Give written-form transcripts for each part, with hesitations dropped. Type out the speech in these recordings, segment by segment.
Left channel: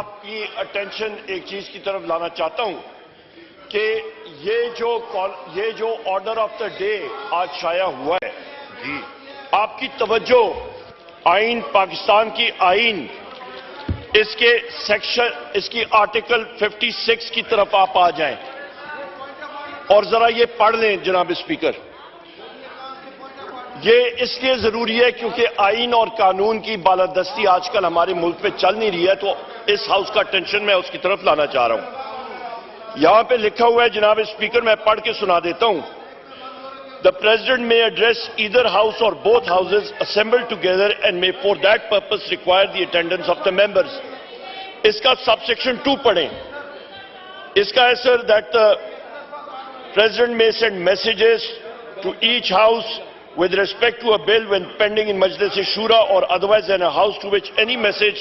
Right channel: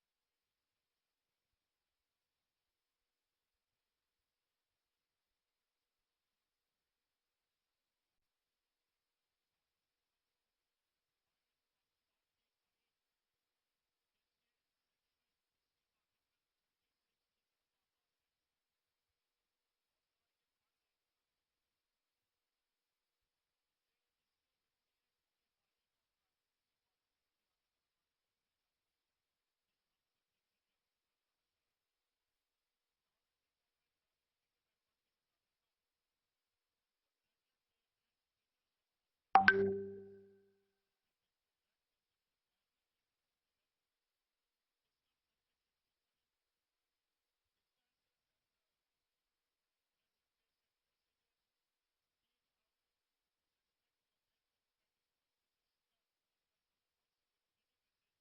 آپ کی اٹینشن ایک چیز کی طرف لانا چاہتا ہوں کہ یہ جو آرڈر آف دا ڈے آج شائع ہوا ہے، آپ کی توجہ آئین، پاکستان کی آئین، اس کی آرٹیکل 56 کی طرف آپ آ جائیں اور ذرا یہ پڑھ لیں جناب اسپیکر۔ یہ اس لیے ضروری ہے کیونکہ آئین اور قانون کی بالادستی آج کل ہمارے ملک میں چل نہیں رہی ہے، تو اس ہاؤس کا ٹینشن میں اس کی طرف لانا چاہ رہا ہوں۔ یہاں پہ لکھا ہوا ہے جناب اسپیکر، میں پڑھ کے سنا دیتا ہوں۔ The President may address either house or both houses assembled together and may for that purpose require the attendance of the members. اس کا سب سیکشن 2 پڑھیں۔ اس کا ہے سر that the President may send messages to each house with respect to a bill when pending in Majlis-e-Shura or otherwise in a house to which any message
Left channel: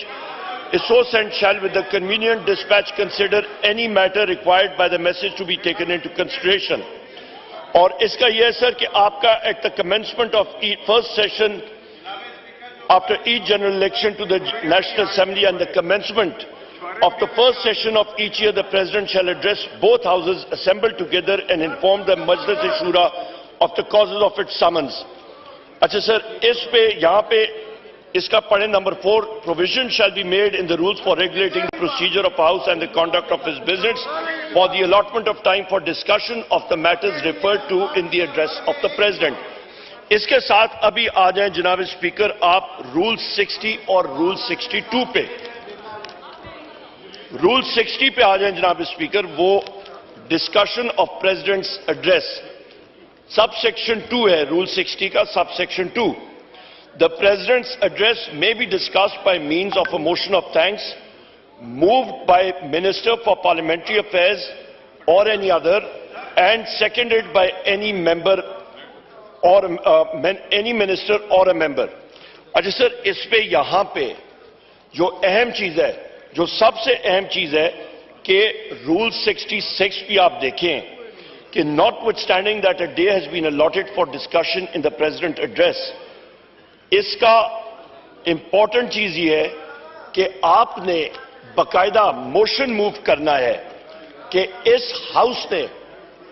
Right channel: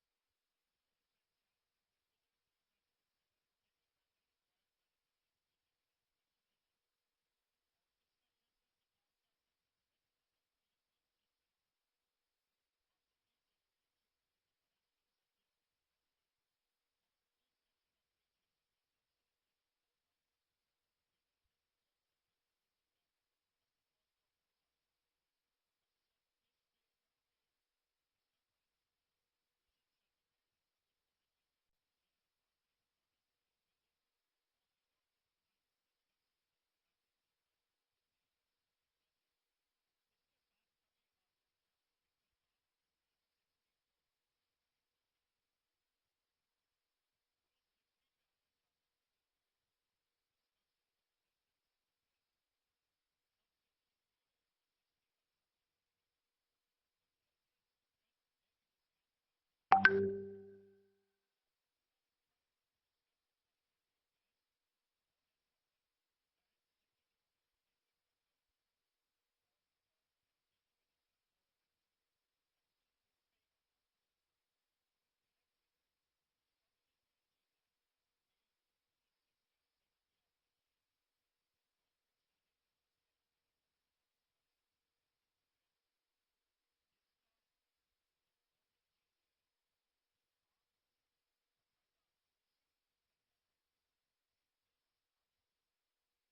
is so sent shall with the convenient dispatch consider any matter required by the message to be taken into consideration. اور اس کا یہ ہے سر کہ آپ کا at the commencement of first session after each general election to the National Assembly and the commencement of the first session of each year, the President shall address both houses assembled together and inform the Majlis-e-Shura of the causes of its summons. اچھا سر، اس پہ یہاں پہ اس کا پڑھیں number 4، provision shall be made in the rules for regulating the procedure of House and the conduct of its business for the allotment of time for discussion of the matters referred to in the address of the President. اس کے ساتھ ابھی آ جائیں جناب speaker آپ role 60 اور role 62 پہ۔ Role 60 پہ آ جائیں جناب اسپیکر، وہ discussion of presidents address, sub section 2 ہے رول 60 کا، sub section 2۔ The President's address may be discussed by means of a motion of thanks moved by Minister for Parliamentary Affairs or any other and seconded by any member or any minister or a member. اچھا سر، اس پہ یہاں پہ جو اہم چیز ہے، جو سب سے اہم چیز ہے کہ رول 66 بھی آپ دیکھیں کہ notwithstanding that a day has been allotted for discussion in the President address، اس کا امپورٹنٹ چیز یہ ہے کہ آپ نے باقاعدہ موشن موو کرنا ہے کہ اس ہاؤس نے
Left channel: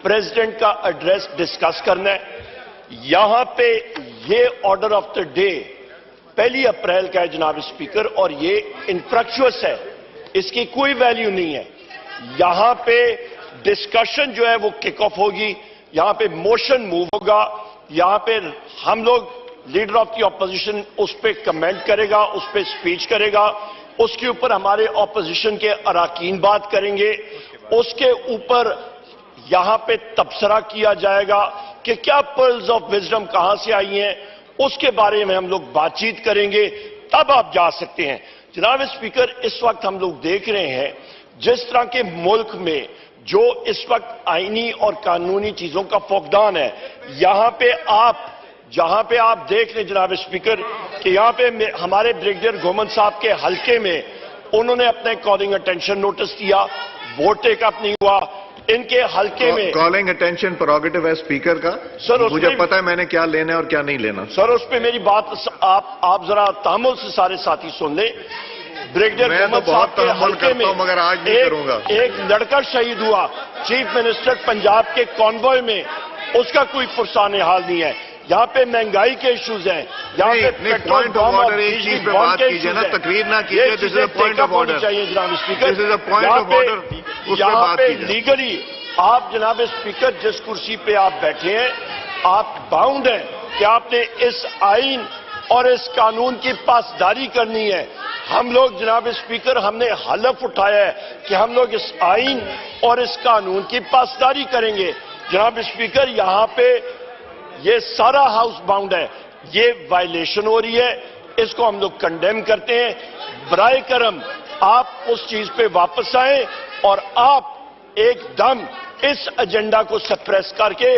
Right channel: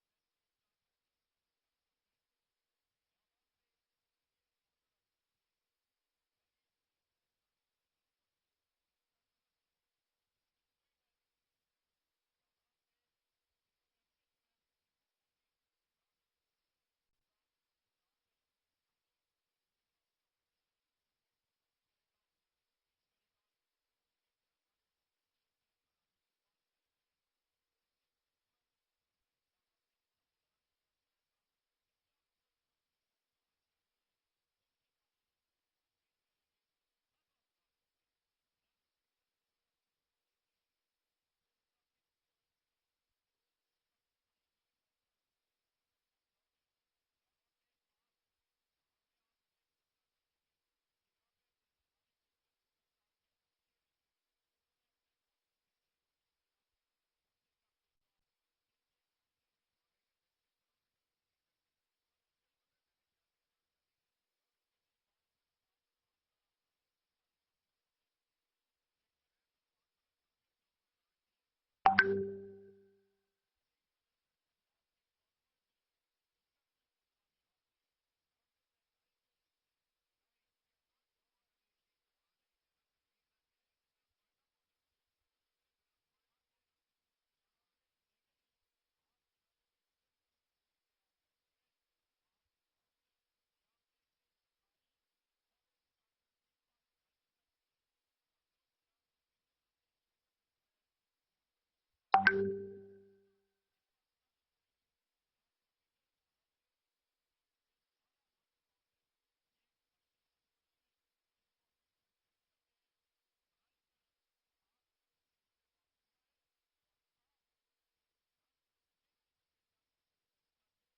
پریزیڈنٹ کا ایڈریس ڈسکس کرنا ہے۔ یہاں پہ یہ order of the day 1 April کا ہے جناب اسپیکر، اور یہ انفریکچوس ہے، اس کی کوئی ویلیو نہیں ہے۔ یہاں پہ ڈسکشن جو ہے وہ کک آف ہوگی، یہاں پہ موشن موو ہوگا، یہاں پہ ہم لوگ لیڈر آف دی اپوزیشن اس پہ کمنٹ کرے گا، اس پہ سپیچ کرے گا، اس کے اوپر ہمارے اپوزیشن کے اراکین بات کریں گے، اس کے اوپر یہاں پہ تبصرہ کیا جائے گا کہ کیا پرلز آف وزڈم کہاں سے آئی ہیں، اس کے بارے میں ہم لوگ بات چیت کریں گے، تب آپ جا سکتے ہیں۔ جناب اسپیکر، اس وقت ہم لوگ دیکھ رہے ہیں جس طرح کے ملک میں جو اس وقت آئینی اور قانونی چیزوں کا فقدان ہے، جہاں پہ آپ دیکھ لیں جناب اسپیکر کہ یہاں پہ ہمارے بریگیڈیئر گومن صاحب کے حلقے میں انہوں نے اپنے کالنگ اٹینشن نوٹس دیا، ووٹ ٹیک اپ نہیں ہوا، ان کے حلقے میں کالنگ اٹینشن پروگیٹو ہے اسپیکر کا، مجھے پتا ہے میں نے کیا لینا ہے اور کیا نہیں لینا۔ سر اس پہ میری بات آپ ذرا تحمل سے سارے ساتھی سن لیں۔ بریگیڈیئر گومن صاحب کے حلقے میں ایک لڑکا شہید ہوا، چیف منسٹر پنجاب کے کانوائے میں، اس کا کوئی پرسان حال نہیں ہے۔ یہاں پہ مہنگائی کے ایشوز ہیں، یہاں پہ پیٹرول بم اور بجلی بم کے ایشوز ہیں، یہ چیزیں ٹیک اپ ہونی چاہیے جناب اسپیکر۔ یہاں پہ لیگلی آپ جناب اسپیکر جس کرسی پہ آپ بیٹھے ہیں، آپ باؤنڈ ہیں کہ آپ نے اس آئین اور اس قانون کی پاسداری کرنی ہے۔ ہم لوگ جناب اسپیکر ہم نے حلف اٹھایا ہے کہ ہم لوگ اس آئین اور اس قانون کی پاسداری کریں گے۔ جناب اسپیکر، یہاں پہ یہ سارا ہاؤس باؤنڈ ہے، یہ وائلیشن ہو رہی ہے، اس کو ہم لوگ کنڈیم کرتے ہیں۔ برائے کرم آپ اس چیز پہ واپس آئیں اور آپ ایک دم اس ایجنڈا کو سپریس کر کے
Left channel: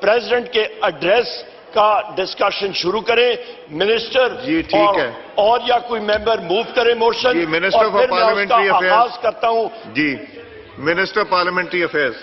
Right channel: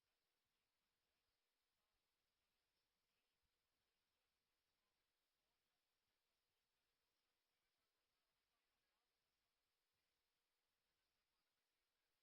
پریزیڈنٹ کے ایڈریس کا ڈسکشن شروع کریں۔ منسٹر اور یا کوئی ممبر موو کرے موشن، اور پھر میں اس کا آغاز کرتا ہوں۔ جی، منسٹر پارلیمنٹری افیئرز۔